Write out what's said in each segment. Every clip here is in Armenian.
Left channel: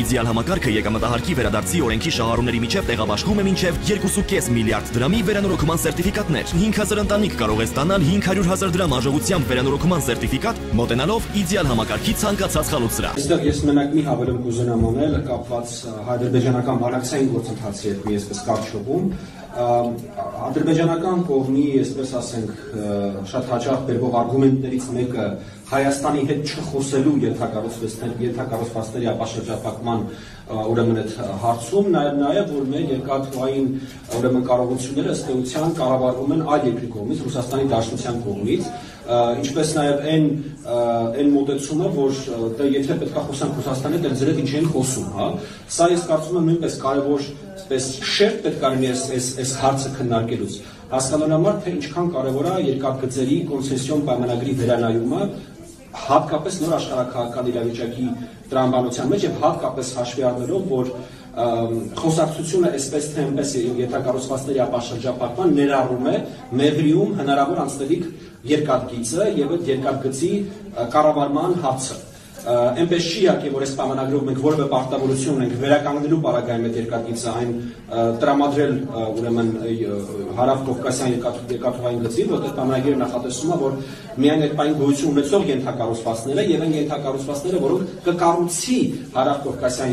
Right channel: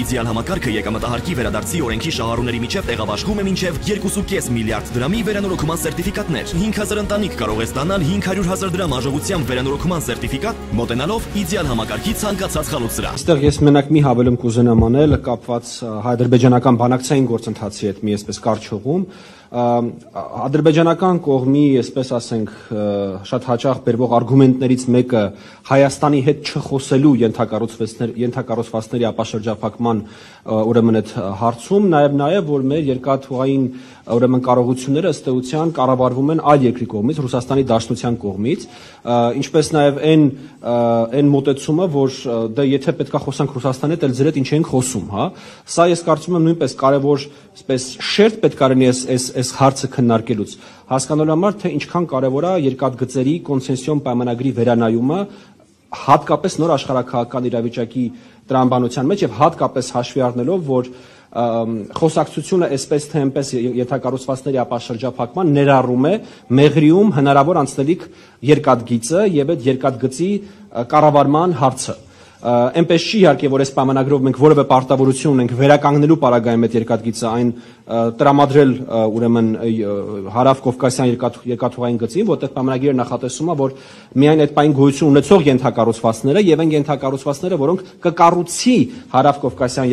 իդեալ համակարգը եկամտահարկի վերադարձի օրենքի շահառուների միջև տեղաբաշխում է մինչև 2.5 միլիարդ դրամի վերանորոգման սերտիֆիկատներ։ 5000 ընտանիք կարող է ստանալ 500,000 դրամ արժողությամբ վերանորոգման սերտիֆիկատ, մոտենալով իդեալ համակարգի ցանկացած խանութ։ Այստեղ ես մենակ մի հավելում կուզենամ անել կապված հայ-ադրբեջանական բանակցային գործընթացի հետ մի այսպես կարճ ադրբեջանական կողմի, այսպես ասենք, շատ հաճախ բերվող արգումենտներից մեկը Հայաստանի հետ չխոսելու ենթակառուցվածքների ապաշրջափակման ուրեմն այդ հարցում, նաև որ մեր երկաթուղային ուրեմն կարողությունները ըստ էության կառավարվում են այլ երկրի կողմից, Ռուսաստանի Դաշնության կողմից, ինչպես նաև այն մոտեցումը, որ դա եթե պետքա խոսանք Ռուսաստանի հետ, ձեր հետ ինչ ենք խոսում, հա, սա ես կարծում եմ նույնպես կարևոր այսպես շերտ պետք է լինի այս հարցը քննարկելուց, հասկանալու համար, թե ինչքան կարևոր է երկաթգծերի կոնցեսիոն պայմանագրի վերանայումը, հատկապես նոր աշխարհաքաղաքական իրավիճակի տրամաբանության մեջ եւ հատկապես հաշվի առնելով, որ խոսակցությունը այսպես թե այնպես ենթակառուցվածքների ապաշրջափակման ներառում է Մեղրիում հնարավոր անցնելիք երկաթգիծը եւ այդ երկաթգծի կառավարման հարցը։ Այնպես չի իհարկե, որ այս պայմանագրով մենք որևէ պարտավորություն ունենք վերականգնելու պարագայում այդ երկաթգիծը այն տրամադրել ուրեմն հարավ-կովկասյան երկաթուղային գծի, որտեղ պայմանագիրը նախատեսում է, որ միայն այդ պայն գոյություն ունեցող ենթակառուցվածքները եւ այն ենթակառուցվածքները, որոնք կկառուցի հարավ-կովկասյան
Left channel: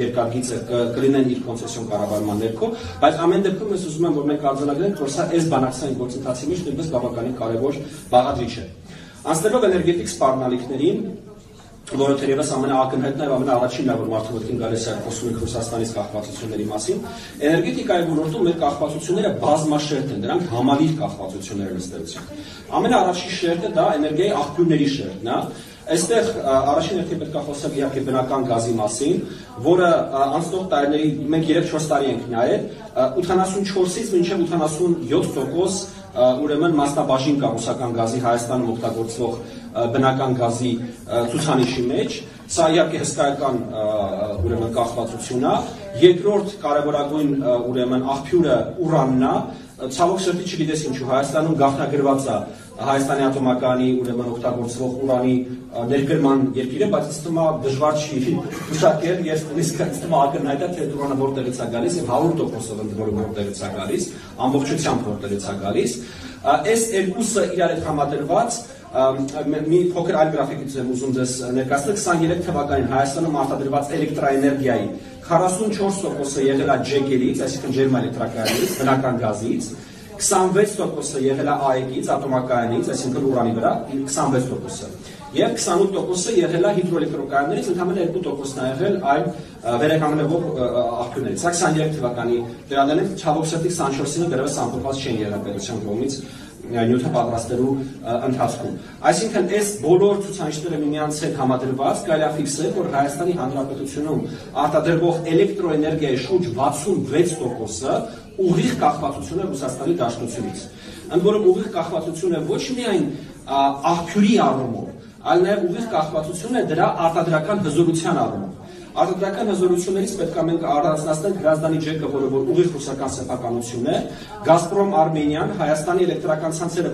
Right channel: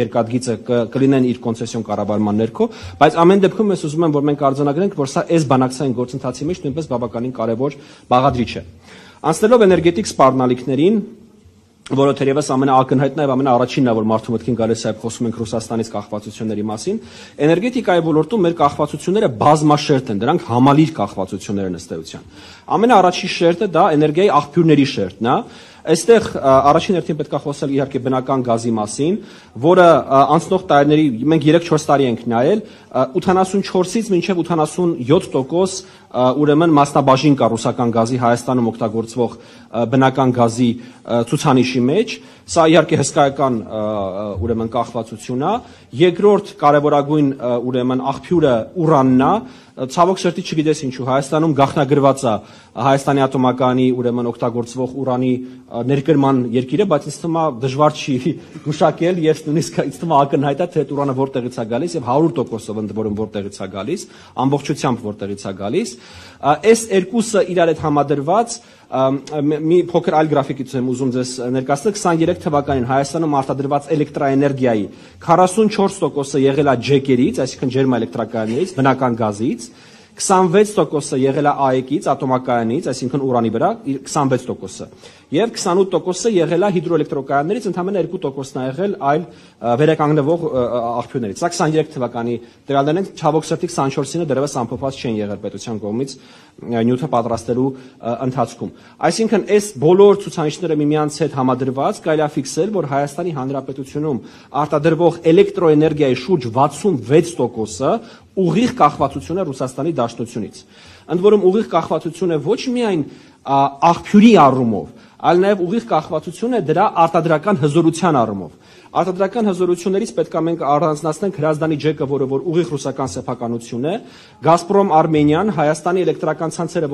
երկաթգիծը կլինեն իր կոնցեսիոն կառավարման ներքո, բայց ամեն դեպքում ես ուզում եմ, որ մենք արձանագրենք, որ սա այս բանակցային գործընթացի մեջ նույնպես բավականին կարևոր բաղադրիչ է։ Անցնելով էներգետիկ սպառնալիքներին, որը թերևս ամենաակնհայտն է եւ ամենաառաջինն է, որ մարդու մտքին գալիս է խոսում ենք Ռուսաստանից կախվածությունների մասին, էներգետիկայի ոլորտում մեր կախվածությունները բազմաշերտ են, դրանք համալիր կախվածություններ են ըստ էության։ Ամենաառաջին շերտը դա էներգիայի աղբյուրների շերտն է։ Այստեղ առաջին հերթին պետք է խոսել իհարկե բնական գազի մասին, որը անցնող տարիների մենք 3-4 տարի ենք նայել, 84-ից մինչև 87% ուրեմն մասնաբաժին կա ռուսական գազի Հայաստանում օգտագործվող բնական գազի ցուցանիշի մեջ, սա իհարկե հսկայական ուրեմն կախվածություն է, երկրորդ կարևորագույն ուրեմն աղբյուրը ուրանն է, ցավոք սրտի չգիտես ինչու Հայաստանում գաղտնագրված է Հայաստանի ատոմակայանի ուրեմն օգտագործվող ուրանի ներկրման երկիրը, բայց ինձ թվում է դժվար չի գուշակել, ես նույնիսկ ինձ թվում է ակնհայտ է, թե ուրանը որտեղից է գալիս եւ 100%-ով ընդ որում որտեղից է գալիս, ամբողջությամբ որտեղից է գալիս։ Այս երկուսը իրար հետ համադրված մի փոքր այլ գրաֆիկից եմ ուզում ձեզ ներկայացնել 23 թվականին Հայաստանում արտադրված էլեկտրաէներգիայի 44%-ը եղել է ջեկերից, այսինքն ջերմաէլեկտրակայաններից, բնական գազից, 26%-ը եղել է ԱԵԿ-ից, ատոմակայանից, այսինքն ուրանի վրա 26%-ը, եւ 28%-ը եղել է հիդրոէլեկտրակայաններից, ընդհանրապես 2%-ն է եղել այլ վերականգնվող աղբյուրներից։ Սա 23 թվականի տվյալներն են, ցավոք սրտի 24-ին դեռևս ամփոփված չեն եղել պետության կողմից նյութը պատրաստելու ընթացքում։ Այսինքն այս բոլոր ցուցանիշները միմյանց հետ համադրված կարելի է ֆիքսել, որ Հայաստանի Հանրապետությունում արտադրվող էլեկտրոէներգիայի շուրջ 66%-ը ուղիղ կախվածություն է Ռուսաստանի Դաշնությունից։ Ընդ որում ուղիղ կախվածություն է ոչ միայն աղբյուրի առումով, այլ նաև ուղիղ կախվածություն է դրա արտադրական հզորության առումով։ Արտադրական հզորություններից պետք է մենք առանձնացնենք Հրազդանի ջեկը, որը որ ուղիղ ռուսական սեփականություն է, Գազպրոմ Արմենիան, Հայաստանի էլեկտրական ցանցերը,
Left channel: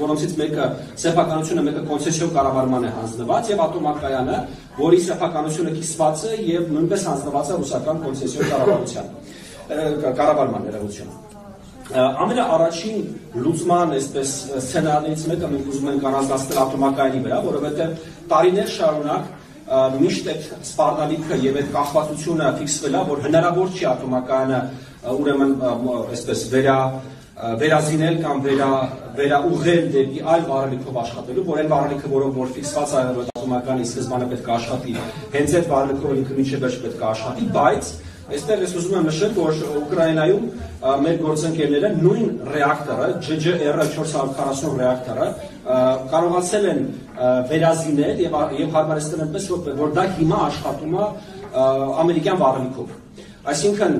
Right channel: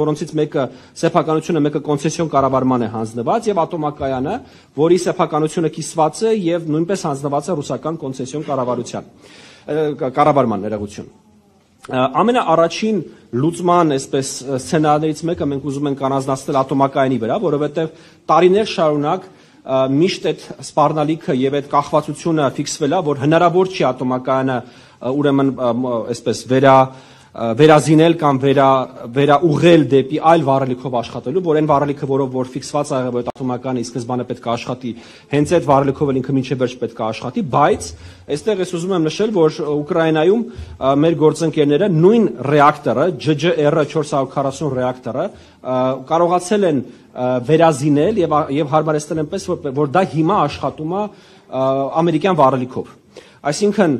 որոնցից մեկը սեփականությունը, մեկը կոնցեսիոն կառավարման է հանձնված, եւ ատոմակայանը, որի սեփականությունը կիսված է եւ նույնպես հանձնված է ռուսական կոնցեսիոն կառավարման ներողություն։ Ամենաառաջին լուծման այսպես սցենարներից մեկը մենք ուզում ենք առանձնացնել ատոմակայանի վրա, որովհետեւ տարիներ շարունակ միշտ այդ սպառնալիքը եւ այդ կախվածությունը ֆիքսվել է, որ հնարավոր չի ատոմակայանը ուրեմն այսպես վերազինել կամ վերաուղղել դեպի այլ վառելիքով աշխատելու, որ այն վառելիքը, որով որ ֆիքսված է եղել, որ ատոմակայանը սկզբանե պետք է աշխատի, հենց այդ վառելիքով ինքը մինչև վերջ պետք է աշխատի, բայց այստեղ ես ուզում եմ նշել, որ Ուկրաինայում մեր գործընկերները նույն ռեակտորը, GGR-440 ռեակտորը կարողացել են վերազինել եւ հարմարեցնել այնպես, որ դա հիմա աշխատում է ամերիկյան վառելիքով։ Այսինքն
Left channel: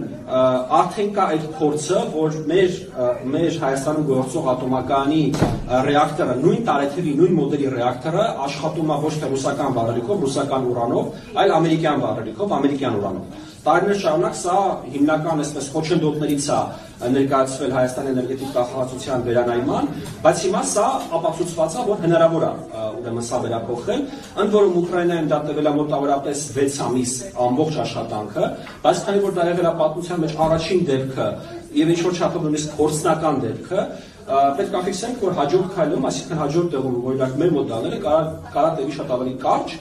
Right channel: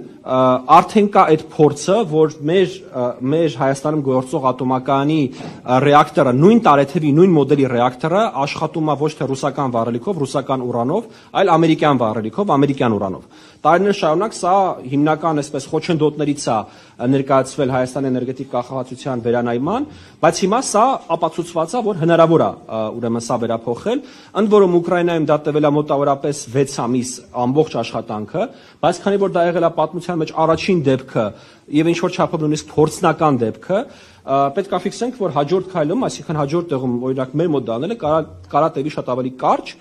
արդեն կա այդ փորձը, որ մեր Հայաստանում գործող ատոմակայանի ռեակտորը, նույն տարեթվի, նույն մոդելի ռեակտորը աշխատում է ոչ թե ռուսական վառելիքով, ռուսական ուրանով, այլ ամերիկյան վառելիքով, ամերիկյան ուրանով։ տարիներ շարունակ սա հիմնական այսպես խոչընդոտներից է ներկայացվել Հայաստանի էներգետիկ կախվածության վերանայման, բայց հիմա սա ապացուցված է, որ հնարավոր է ուրեմն սա վերափոխել, ընդ որում Ուկրաինայում դա տևել է մոտավորապես 6 ամիս ամբողջ աշխատանքը, բայց քանի որ դա եղել է պատմության մեջ առաջին դեպքը եւ ինչ որ չափով նույնիսկ փորձնական դեպքը, պետք է ֆիքսենք, որ հաջորդ քայլում, այսինքն հաջորդ տեղում օրինակ մեր մոտ դալելը կարա տևի շատ ավելի կարճ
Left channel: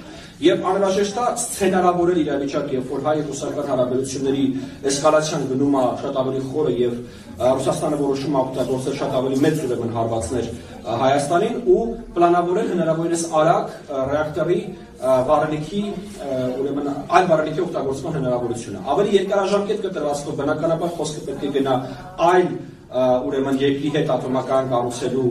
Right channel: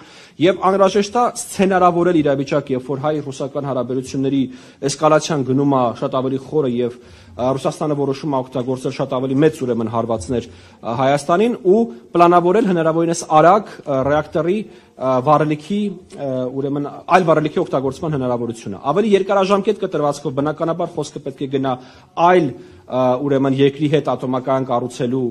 եւ անհրաժեշտ է սցենարավորել իրավիճակը, երբ որ հայ-ռուսական հարաբերությունների էսկալացիան գնում է շատ ավելի խորը եւ Ռուսաստանը որոշում է օգտագործել շատ ավելի մեծ ուրեմն հարվածներ Հայաստանին ու պլանավորել հնարավորինս արագ ռեակտորի վառելիքի ուրեմն այլ վառելիքի օգտագործման հնարավորությունը։ Ավելի երկարաժամկետ կտրվածքով բնականաբար խոսքը պետք է գնա այլ ուրեմն երկրի հետ ատոմական կառուցելու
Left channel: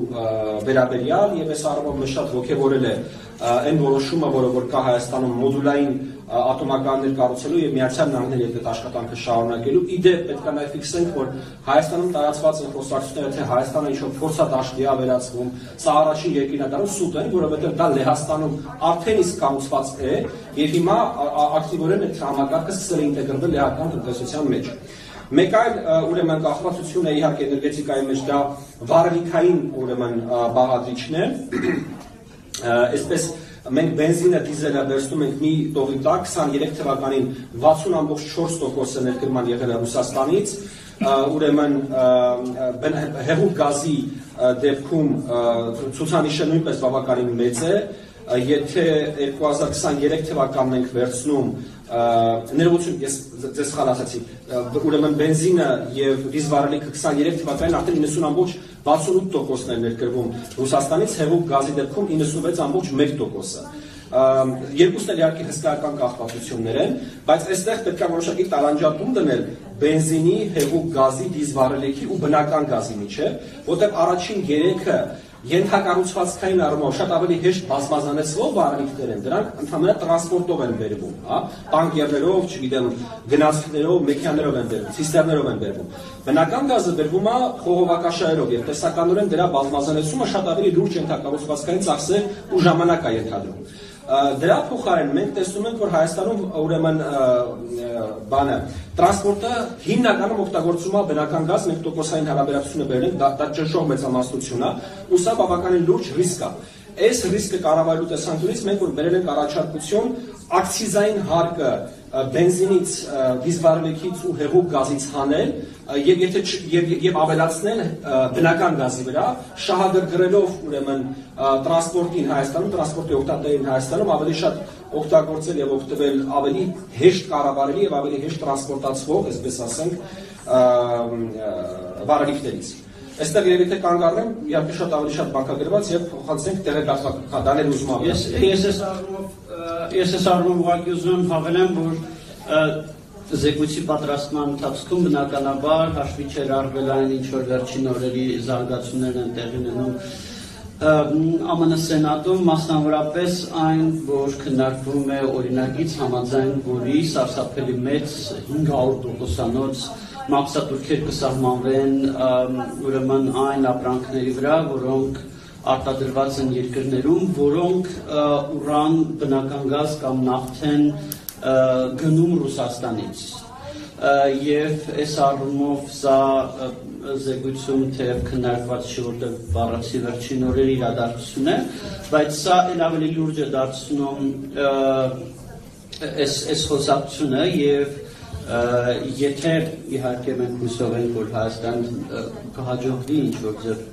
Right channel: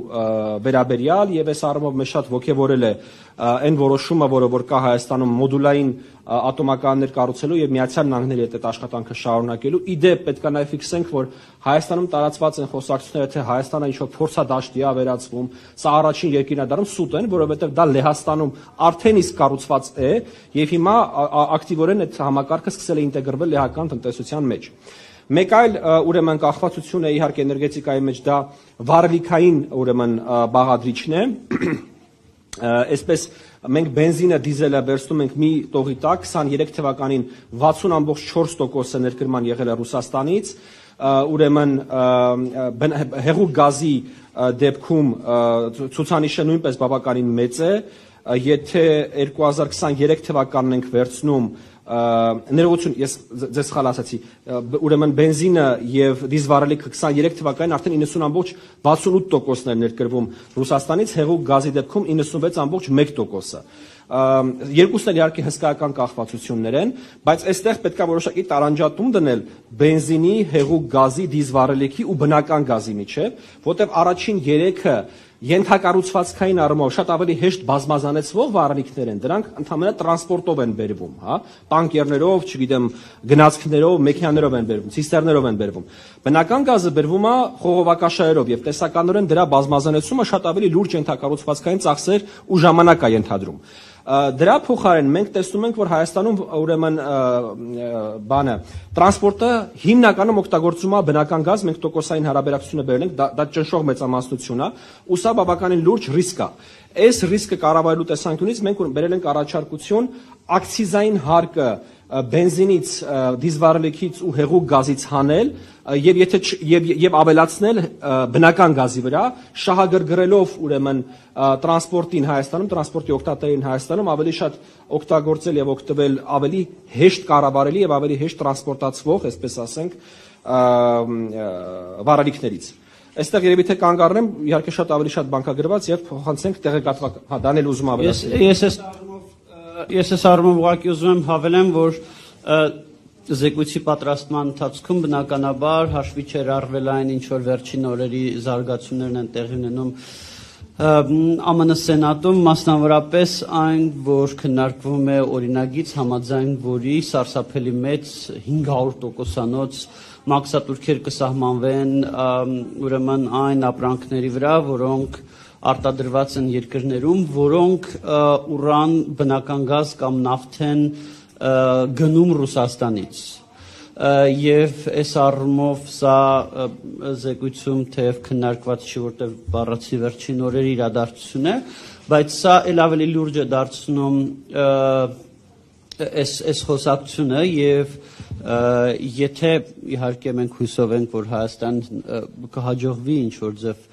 վերաբերյալ եւ այս առումով մեզ շատ ողջևորել է այն որոշումը, որ կա Հայաստանում մոդուլային ատոմականներ կառուցելու եւ Միացյալ Նահանգների հետ այդ աշխատանքը շարունակելու։ Իդեպ պետք է նաեւ ֆիքսենք, որ Հայաստանում տարածված են խոսակցությունները, թե Հայաստանը ինչ-որ փորձադաշտի է վերածվում, սա առաջին երկիրն է դառնում սուտ են, որովհետեւ դա Լեհաստանում արդեն իսկ կառուցված է եւ հիմա ակտիվորեն այդ համակարգը սկսել է ինտեգրվել լեհական տնտեսության մեջ։ Մեկ այլ ուրեմն կախվածություն է իհարկե էներգետիկայի մեջ դա վառելիքային ուրեմն բաղադրիչն է, այսպես մենք բենզինը, դիզելը վերցնում ենք մի տողի տակ, 23 թվականին 60.4% ներկրման եղել է Ռուսաստանից, ուրեմն հեղուկ գազի դեպքում ցուցանիշը նույնպես բավականին մեծ է, եթե 2023 թվականն ենք վերցնում ներողություն, ես ձեզ սխալ ասացի, ուրեմն բենզինը եւ դիզվառելիքը 23 թվականին արդեն 90.68%-ն էր ներկրվում Ռուսաստանից, հեղուկ գազի դեպքում 96.1%-ը։ Երկուսն էլ իհարկե հսկայական կախվածություններ են, բայց այստեղ պետք է որոշակի տարանջատում դնել բենզինի, հեղուկ գազի, դիզվառելիքի ու բնական գազի միջև, որտեղ առաջին երեքը ենթակառուցվածքային առումով շատ ավելի հեշտ բազմազանեցվող վառելիքներ են, դրանք ընդհանրապես տրանսպորտով են բերվում, հա, տանկերներով, չգիտեմ, գնացքներով, մեքենաներով են բերվում, ցիստերներով են բերվում։ Բնական գազը բերվում է խողովակաշարերով եւ տեսականորեն դրա բազմազանեցումը շատ ավելի լուրջ ենթակառուցվածքային ծախսեր ու ժամանակ է ենթադրում։ Դրա փոխարեն մենք տեսնում ենք, որ Հայաստանում ուրեմն տրանսպորտը հիմնականում օգտագործում է բնական գազ, մենք տոկոսային հարաբերակցությունը բերել ենք, դա ճնշող մեծամասնություն է, ու սա բավականին լուրջ ռիսկ է։ Այս ռիսկը կառավարելու տեսանկյունից մենք որ բերել ենք առաջարկություն ակցիզային հարկը բենզինից, դիզվառելիքից ու հեղուկ գազից հանել եւ ավելացնել բնական գազի վրա, շահագրգռելով ուրեմն տրանսպորտին Հայաստանում, տրանսպորտի օգտատերին Հայաստանում ավելի շատ օգտագործել եւ օգտվել ավելի հեշտ կառավարելի եւ ավելի հեշտ տրանսպորտացվող, այսպես ասենք, վառելիքներից։ Այստեղ երևի թե կանգ առնեմ, իհարկե շատ ավելի շատ բանկագրված եւ փոխանցենք տեղեկատվական, հա, դա ներ ուզում ավելացնել։ Ես այս առումով ուղղակի ուզում եմ հավելեմ, որ զեկույցի պատրաստման ընթացքում բնականաբար հաշվի չէր առվել այն ինչ որ վերջին օրերի զարգացումներն են տեղի ունենում ԱՄՆ Սենատում, մասնավորապես այն, որ քննարկվում է օրինագիծ համաձայն որի սարսափելի մեծ 500%-անոց մաքսատուրքեր կսահմանվեն ուրեմն այն ապրանքների վրա, որոնք արտադրված են երկրներում, որոնք ուրան, բնական գազ կամ նավթ են գնում Ռուսաստանից։ Եվ այս առումով սա զեկույցում թեև քննարկված չի, որտեղ բառացի վերջին օրերի իրադարձություն է, բայց սա էլ ավելի լուրջ է դարձնում այս խոսակցությունը եւ եթե իհարկե մենք հույսով ենք, որ Հայաստան կհաջողվի ինչ-որ ձև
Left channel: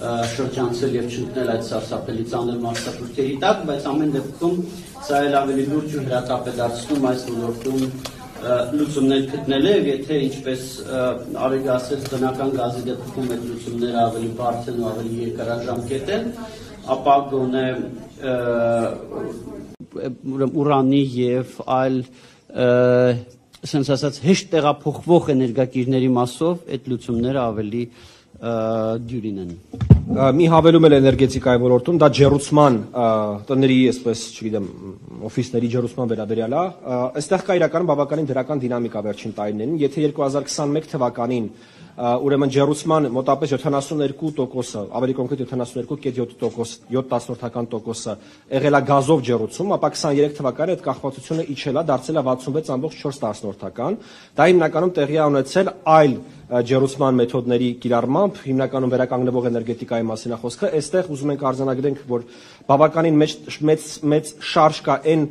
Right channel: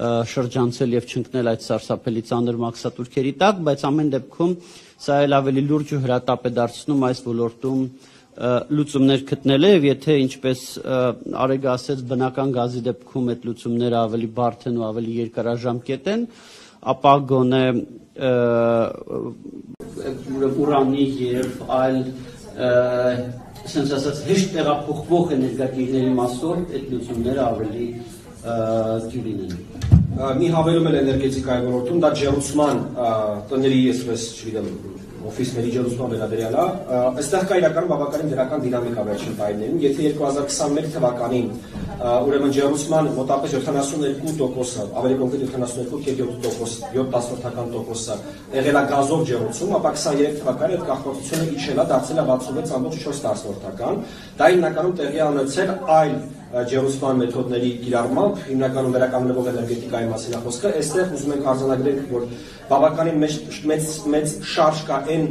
շրջանցել եւ չընկնել այդ սարսափելի ծանր մաքսատուրքերի տակ, բայց ամեն դեպքում սա էլ ավելի լուրջ ու հրատապ է դարձնում այս ոլորտում լուծումներ գտնելը եւ եթե ինչպես Արեգ ասեց բնական գազի դեպքում այդ լուծումները ավելի բարդ են ու ավելի երկարաժամկետ են, ապա գոնե ուրանի եւ այլ sense ասած հեշտ տեղափոխվող էներգակիրների մասով այդ լուծումները ավելի դյուրին են։ Մի հավելում էլ էներգետիկայի ոլորտում, դա ջեռուցման տների, այսպես չգիտեմ, օֆիսների ջերմության վերաբերյալ է, այստեղ կա իրականում բավականին դրական դինամիկա վերջին տարիներին, եթե 2021 թվականին ուրեմն ջերմության մոտավորապես 72%-ը, ավելի կոնկրետ 72.7%, եղել է գազով ջերմություն, ապա 23 թվականին այդ կախվածությունը իջել է, դարձել է 66.4%, դա հիմնականում տեղի է ունեցել այլ ջերմության մեթոդների կիրառմամբ, հիմնականում վերականգնվող էներգետիկայի մասին է խոսքը, այստեղ ուզում ենք արձանագրենք, որ բավականին մեծ շարժ կա այն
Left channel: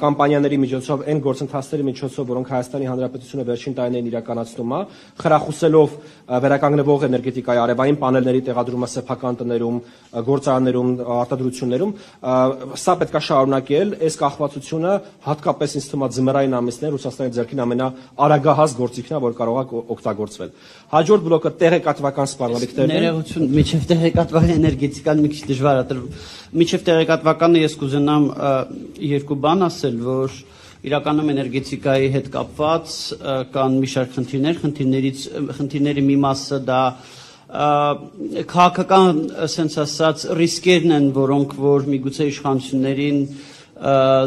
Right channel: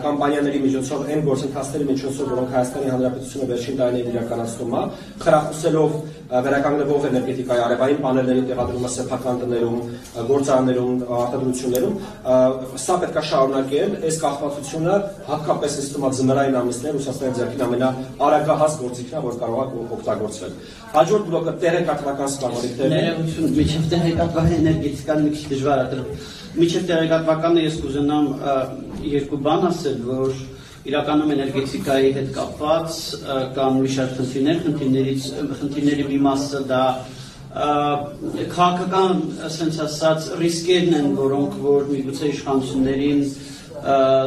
կամպանիաների միջոցով, այն գործընթացների միջոցով, որոնք Հայաստանի Հանրապետությունը վերջին տարիներին իրականացնում է, խրախուսելով վերականգնվող էներգետիկայի արևային պանելների տեղադրումը սեփական տներում, գործարաններում, արտադրություններում, սա պետք է շարունակել, այս կախվածությունը հատկապես ինձ թվում է ձմեռային ամիսներին Ռուսաստանի ձեռքին ամենաարագահաս գործիքն է, որ կարող է օգտագործվել։ Հաջորդ բլոկը տեղեկատվական սպառնալիքներն են։ Ներողություն, միջև տեղեկատվական էներգետիկան մի քիչ դժվար է։ Միջև տեղեկատվականը ես կուզենամ երկու բան ասել, որ իրականում էներգետիկայի հետ կապված կան մի շարք խնդիրների մի մասը դա քաղաքական, ասենց ասած, ռիսկերն են, որոնք որ միգուցե իշխանություններին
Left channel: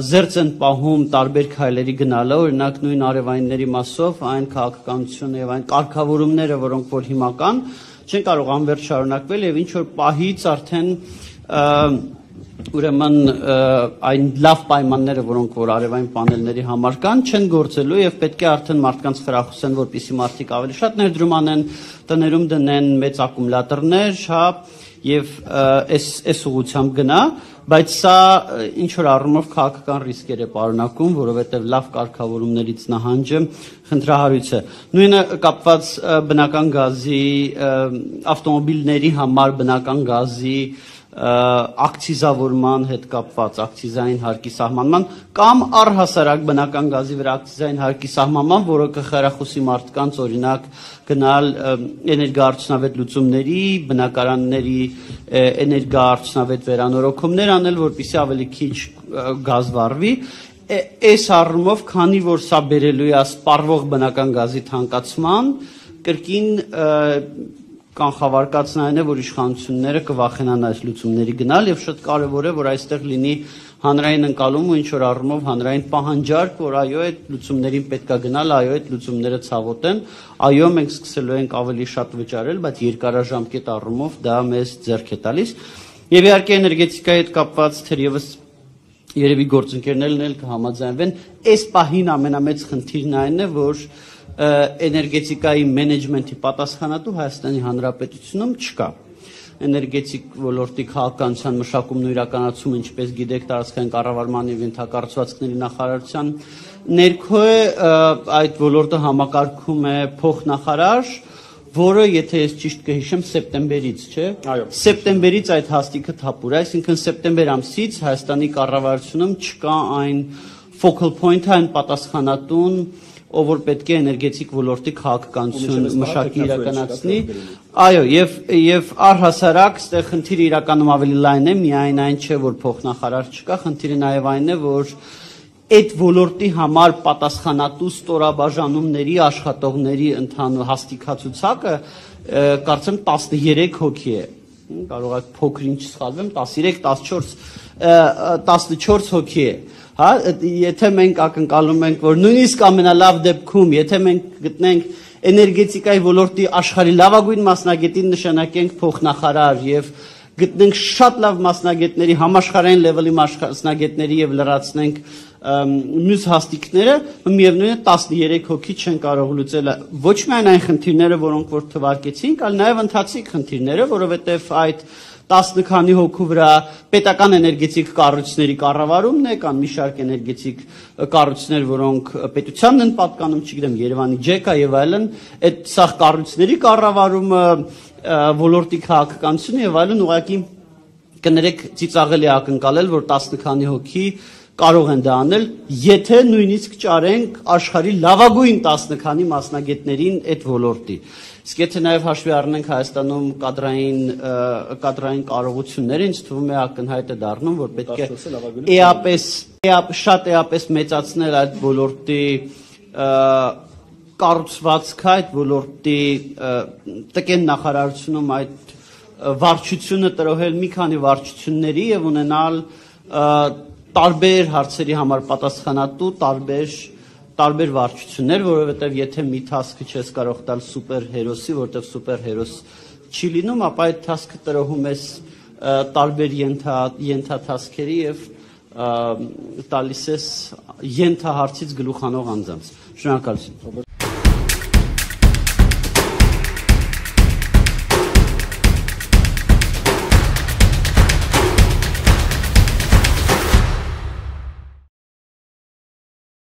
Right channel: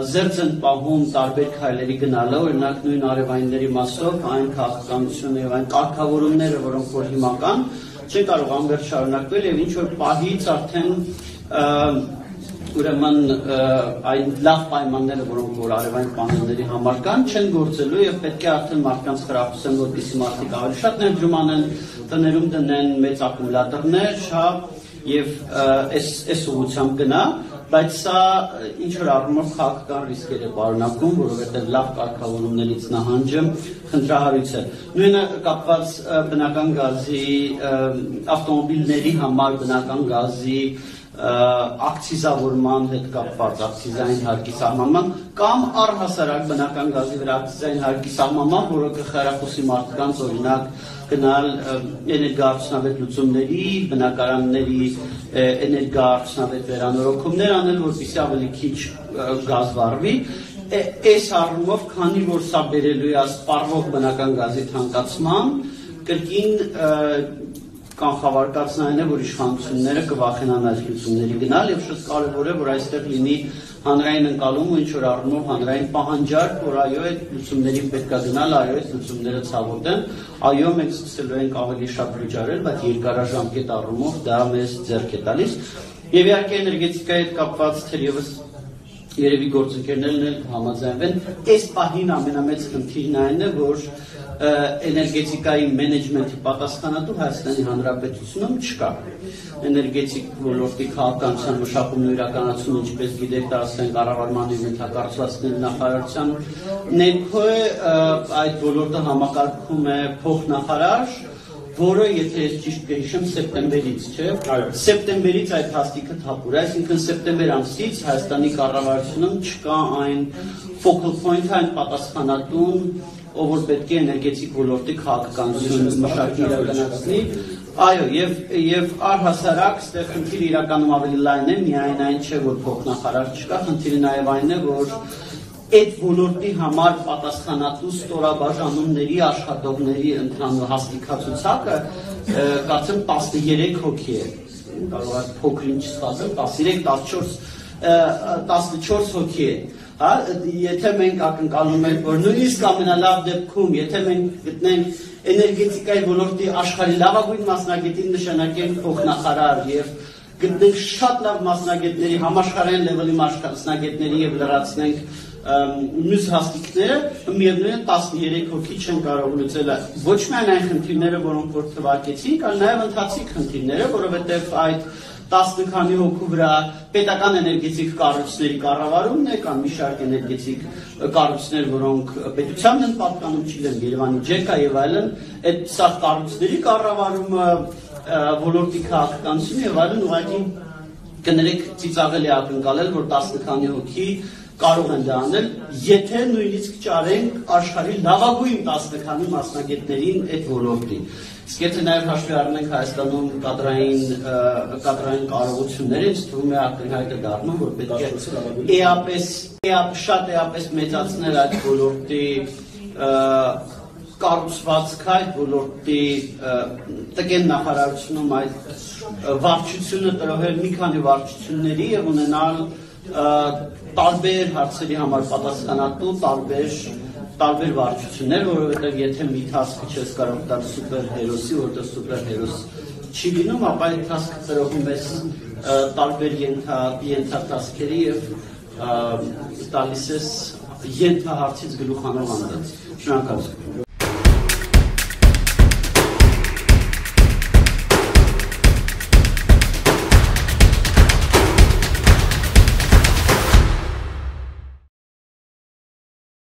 զերծ են պահում տարբեր քայլերի գնալը, օրինակ նույն արևայինների մասով այն քաղաքականությունը եւ այն կարգավորումները, որոնք որ հիմա կան, չեն կարող անվերջ շարունակվել եւ ինչ որ պահից արդեն ուրեմն այն լավ պայմանները, որոնք որ արևային պանելների համար կան, չեն գործելու եւ պետք է արդեն մարդկանց խրախուսեն, որպեսզի մարդիկ ավելի շատ ներդրում անեն, տներում դնեն մեծ ակումուլյատորներ, հա, եւ այս ուղղությամբ գնա, բայց սա ինչ որ առումով քաղաքական ռիսկեր է պարունակում, որովհետեւ լավ կարգավորումներից նահանջը խնդրահարույց է։ Նույնը կապված բնական գազի, ավտոմոբիլների համար բնական գազի ակցիզավորման հետ կապված ակցիզային հարկի սահմանման կամ առհասարակ բնական գազի վրա ակցիզային հարկի սահմանման, որը կխրախուսի մարդկանց օրինակ գնալ էներգոարդյունավետ լուծումների, բնակարանների էներգոարդյունավետ վերանորոգումներ անել, որպեսզի ավելի քիչ գազ վառվի։ Այս առումով, քանի որ սա բերելու է սպառվող բնական գազի թանկացման, կրկին կանխավարկածն է, որ իշխանությունները կվախենան այս լուծումների գնալ եւ շատ կարեւոր է, որ այստեղ լինի հանրային ընկալում ու ինչ որ առումով հանրային պահանջարկ, որ այո, այդ լուծումներին պետք է գնալ, այո, այդ լուծումները ցավոտ են, այո, մենք սկսելու ենք ավելի շատ վճարել, բայց երկարաժամկետ առումով դա մեզ ձեռք է տալիս։ Եվ իհարկե էներգետիկայի հետ կապված թերևս երևի գործընկերներն էլ կհամաձայնվեն, այս պահին ամենամեծ խնդիրն այն է, որ էներգետիկայի մենեջմենթի պատասխանատու Հայաստանի Հանրապետությունում չկա։ Էներգետիկ ոլորտի քաղաքականության մշակումն ու իրականացումը, ինչպես գիտեք, տարածքային կառավարման եւ ենթակառուցվածքների նախարարության ներքո է, այդ ոլորտը համակարգում է փոխնախարար, որը, եթե ես ճիշտ կհիշեմ, սեպտեմբերից, չէ՞։ Սեպտեմբերից այդ հաստիքը թափուր է, այսինքն սեպտեմբեր ամսից Հայաստանի կառավարությունում չկա այն focal point-ը, այն պատասխանատուն, ով որ պետք է էներգետիկ ոլորտի քաղաքականությունը մշակի իրականացնի։ Այո, եւ առհասարակ ստեղ խնդիրը իրականում ավելի լայն է, միայն այն չէ, որ փոխնախարար չկա, խնդիրը նաեւ այն է, որ այդ ոլորտի համար պատասխանատու ստորաբաժանումների աշխատողների ընդհանուր հաստիքացուցակը կարծեմ 13 հոգի է, կարող է փոքրինչ սխալվեմ, 14 հոգի է։ Հա, եթե մենք ակնկալում ենք, որ նույնիսկ ամենալավ դեպքում, եթե մենք գտնենք էներգետիկայի ոլորտի աշխարհի լավագույն մասնագետին նշանակենք փոխնախարար եւ գտնենք շատ լավ մասնագետների, համաշխարհային լեվելի մասնագետների եւ լրացնենք մյուս հաստիկները, միևնույն է 13 հոգի չեն կարող լուծել ոչ միայն այն խնդիրները, որոնք որ թվարկեցինք, այլ նաեւ ընթացիկ խնդիրները, որովհետեւ այդ 10 քանի հոգու վրա պետական էներգետիկ կառույցների կառավարումն է, կան մի շարք էներգետիկ կառույցներ, որոնք պետությանն են պատկանում, չգիտեմ, Երևանի ջեկա եւ այլն, այդ սա կառույցների կառավարումը, ոլորտի քաղաքականությունը եւ այլն ուղղակի կներեք ծիծաղելի ակնկալել, որ 10 քանի հոգի կարող են դա անել, եթե նույնիսկ ճարենք աշխարհի լավագույն 10 քանի մասնագետներին այդ ոլորտի։ Իսկ եթե նաև հաշվի առնենք Հայաստանում կադրային կարողությունները, ինձ թվում է ակնհայտ է դառնում, որ պետք է շատ էապես մեծացնել այդ ոլորտի կառուցվածքը, այդ ոլորտի տկեն նախարարությունում այդ վարչությունը տրոհել մի քանի վարչությունների եւ ունենալ տարբեր հարցերի համար պատասխանատու տարբեր վարչություններ, որովհետև եթե մի task-ը չես կարող տալ սուպերհերոսի, որտեղ սուպերհերոս չի լինում, ապա այդ task-ը տրոհում ես տարբեր ենթաթասքերի եւ տալիս ես ենթահարցից գլուխանող անձանց։ Շնորհակալություն։